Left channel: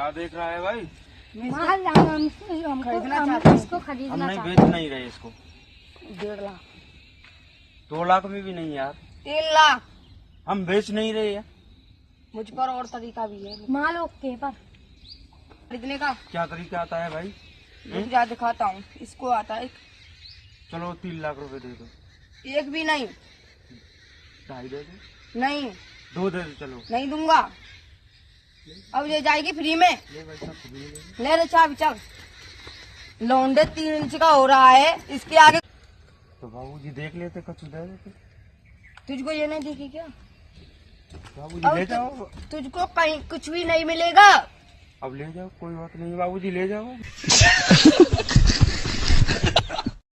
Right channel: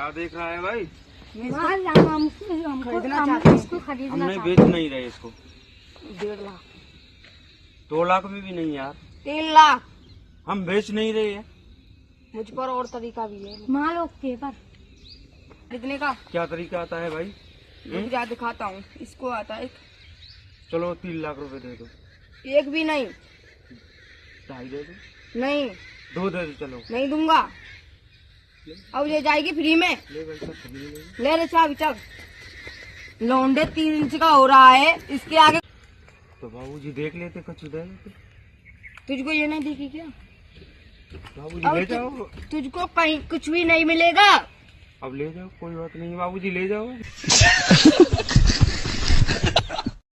क्या देख रहा है भाई? हम खरीदना चाहते हैं इसको, हम नहीं बेच नहीं रहे इसको। 1.5 लाख 2 लाख में भी नहीं यार, 3 लाख। हम बेच नहीं रहे हैं। मुझ पर और तरीका भी है माल ओके पर खरीदने का। क्या तरीका आता है भाई? रुक जा दिखाता हूँ। इसको आता है, चलो 3 लाख रुपए दे दो। एक भी नहीं। 2.5 दे दो। नहीं 2 दे दो। चलो नहीं दूंगा। अब ये जाएगी फ्री में। ले भाई साहब, खरीद ले। ले रे चाबी चल। लौंडे 3 इंच का हो रहा है, इसके आगे तो बाबूजी देख लेते, कुछ दे देते। तुझको ये नहीं दिखी क्या? बाबूजी अब ले जाओ। तुझको कहीं कुछ भी नहीं मिलेगा। अब ले जाओ, कोई बात नहीं बाबूजी, ले जाओ।